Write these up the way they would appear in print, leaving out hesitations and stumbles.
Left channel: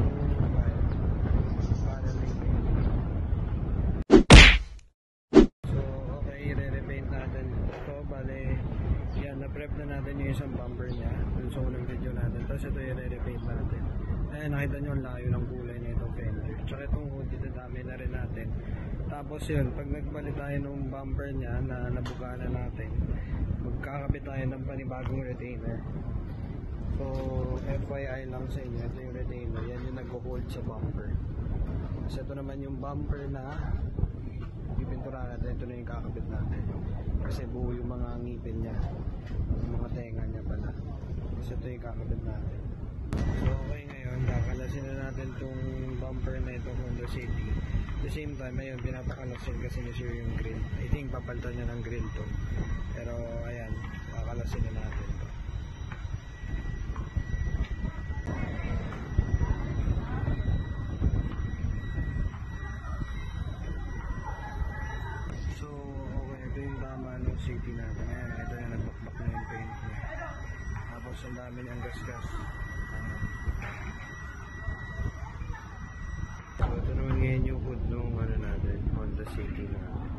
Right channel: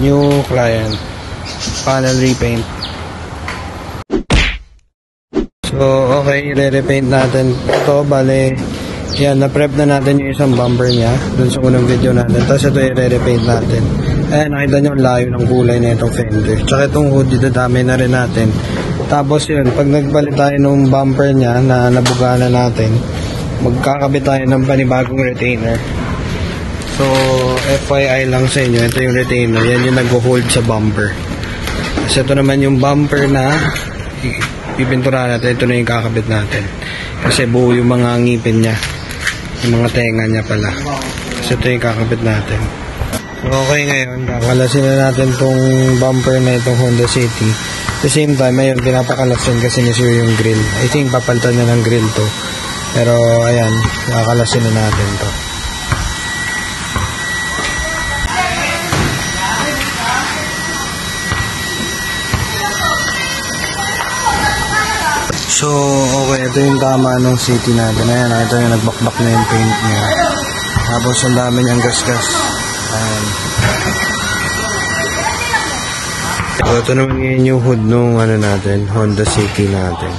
New client. Panel repaint. So, okay, re-repaint natin. Ito, bale, yan, na-prep na natin yung isang bumper niya dun sa unang video natin. Tapos ito, i-re-repaint natin. Ayan, nakita nyo ang layo ng kulay na itong fender. Tsaka itong hood, dito dami na rin natin. Tapos yun, pag nagbalit tayo ng bumper niya na nabuga na natin, magkakabit tayo ng panibagong retainer. So, FYI lang sa inyo, ito yung retainer. Yan yung nag-hold sa bumper. Kasi ito naman yung bumper na pipinturahan natin. Ito na yung kakabit natin. Kasi buo yung mga ngipin niya. Yung mga tenga niya pala. Kasi ito yung kakabit natin. Okay, ngayon, kakalasin na natin tong bumper na itong Honda City. At the same time, ayun, pinapakalasin kasi ni Sir yung grill. I think papalitan niya ng grill to. Pero, ayan, kakalasin na natin to. So, okay, ito yung tama ng City natin. Ayan, ito yung nagbakbak na yung paint niya. Tapos, ang dami niyang gasgas. Ayan. So, ito naman ngayon yung hood nung natin, Honda City natin.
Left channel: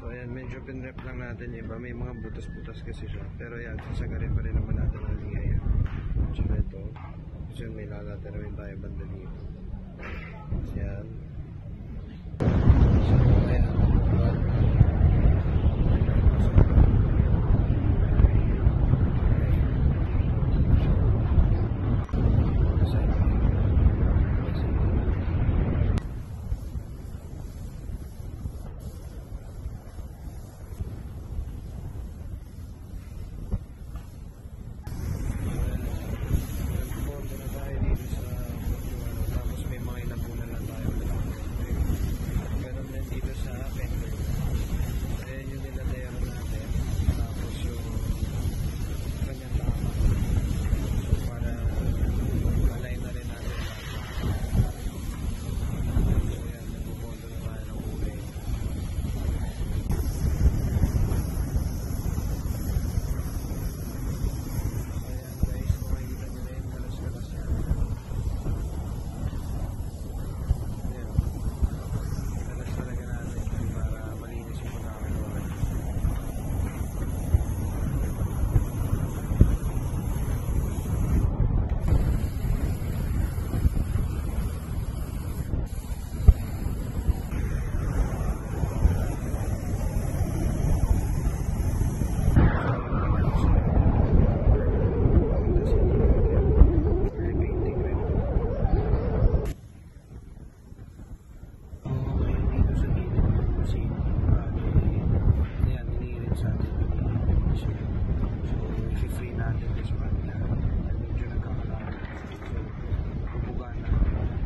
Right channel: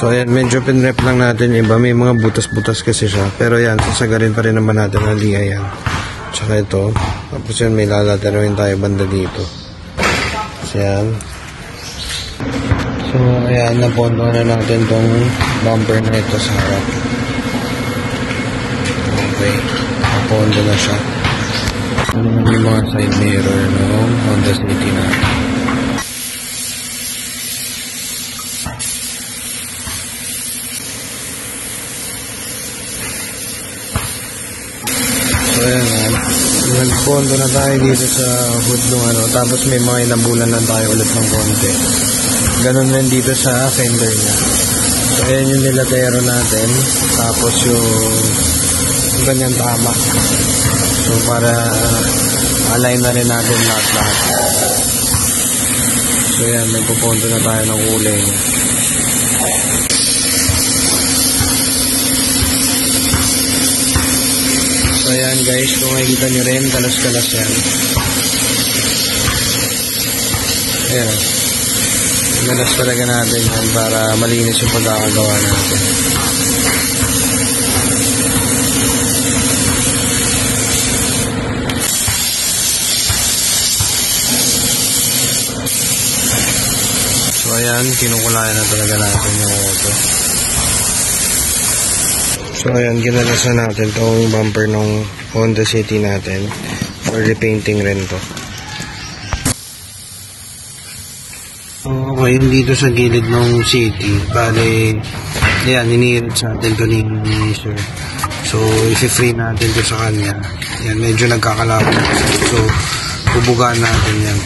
So, ayan, medyo pinrep lang natin yung iba. May mga butas-butas kasi siya. Pero ayan, sasagarin pa rin naman natin ang liya yan. Tsaka ito. Tapos yan, may lalateroin tayo banda dito. So, ayan. So, ayan, napondo na natin tong bumper na ito sa harap. Okay, napondo na siya. Ano naman yung mga side mirror ng Honda City na. So, ayan, nagpondo na tayo dito sa hood ng tapos may mga ilang bulan lang tayo ulit ng konti. Ganon rin dito sa fender niya. So, ayan yung nilatero natin. Tapos yung ganyan tama. So, para align na rin natin lahat-lahat. So, ayan. Nagpupunto na tayo ng kulay niya. So, ayan guys. Kung makikita nyo rin, kalas-kalas yan. Ayan. Galas talaga natin yan para malinis yung pagkakagawa natin. So ayan, kinukulayan na talaga natin yung auto. So ayan, ginalas na natin itong bumper ng Honda City natin for repainting rin to. Okay, dito sa gilid ng City, bale, yan, iniirit sa atin ito ni Sir. So, isi-free natin ito sa kanya. Yan, medyo nagkakalapit. So, bubugaan natin yan.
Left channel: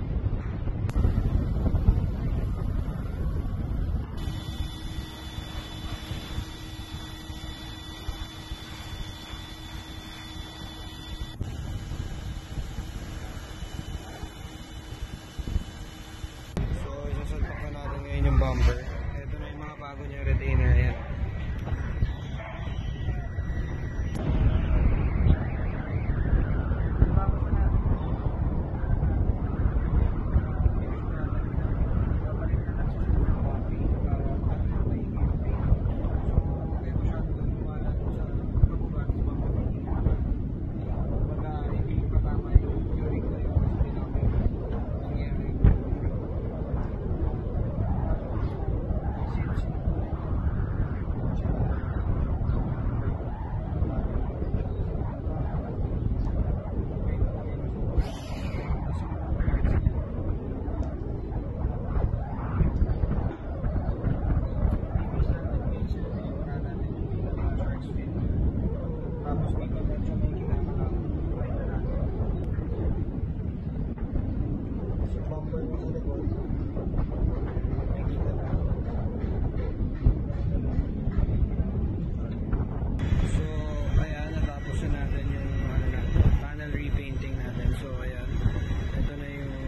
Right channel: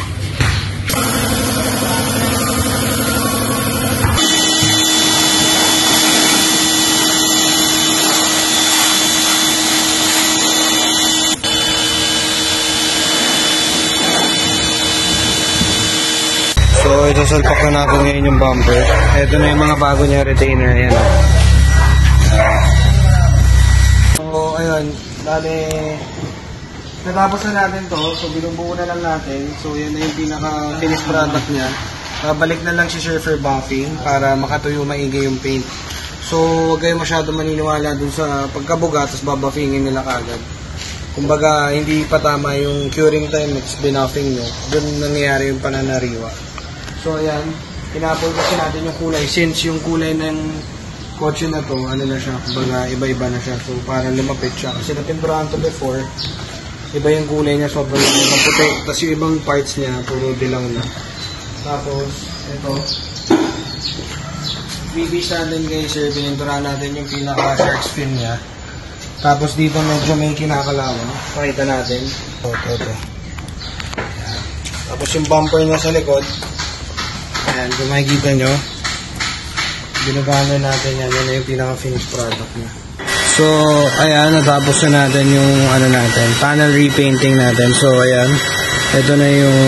So, isasalpak na natin ngayon yung bumper. Ito na yung mga bago niya retainer. Ayan. So, ayun. Dali, natapos na natin to. So, binubuo na lang natin. So, yan na yung pinaka-finished product niya. Babalik na lang si Sir for buffing para makatuyo maigi yung paint. So, huwag kayo masyado maniniwala dun sa pagkabuga tapos babuffingin nila kagad. Kumbaga, hindi pa tama yung curing time next binuffing nyo. Dun nangyayari yung pananariwa. So, ayan, pinapol kasi natin yung kulay. Since yung kulay ng kotse na to, ano na siya, baga iba-iba na siya. So, para lumapit siya. Kasi napimpurahan to before, iba yung kulay niya, sobrang puti. Tapos yung ibang parts niya, puro dilaw na. Tapos, ito, BBs natin guys, sir, pininturahan natin yung pinaka-shark fin niya. Tapos dito medyo may kinakalawan. Pakita natin. Ito. Tapos yung bumper niya sa likod, ayan, kung makikita nyo, binagano natin yan. Yan yung pinaka-finished product niya. So, ayan, natapos na natin yung natin, panel repainting natin. So, ayan, ito na yung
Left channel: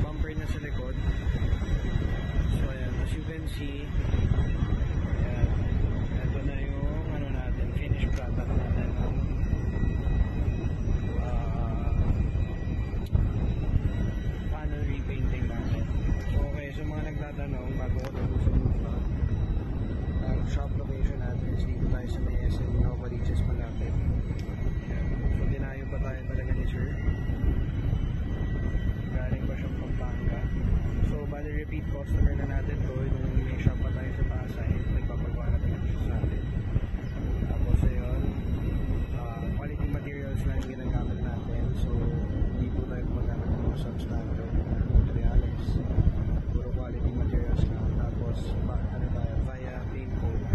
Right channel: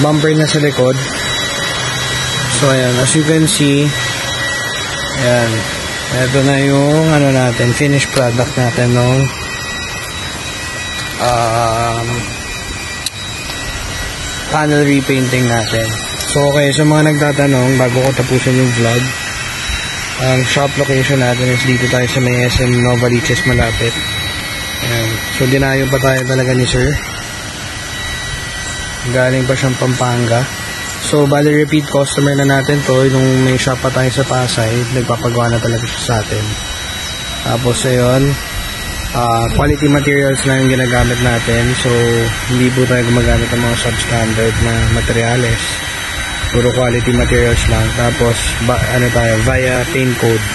bumper na sa likod. So, ayan, as you can see, ayan, ito na yung natin, finished product natin nung panel repainting natin. So okay, sa mga nagtatanong, bago ko tapusin yung vlog, ang shop location natin is dito tayo sa may SM Novaliches malapit. Ayan. So dinayo pa tayo talaga ni sir. Galing pa siyang Pampanga. So bali repeat customer na natin to. Nung may shop pa tayo sa Pasay, nagpapagawa na talaga siya sa atin. Tapos ayun, quality materials na yung ginagamit natin. So hindi po tayo gumagamit ng mga substandard na materials. Puro quality materials lang. Tapos ano tayo, via paint code.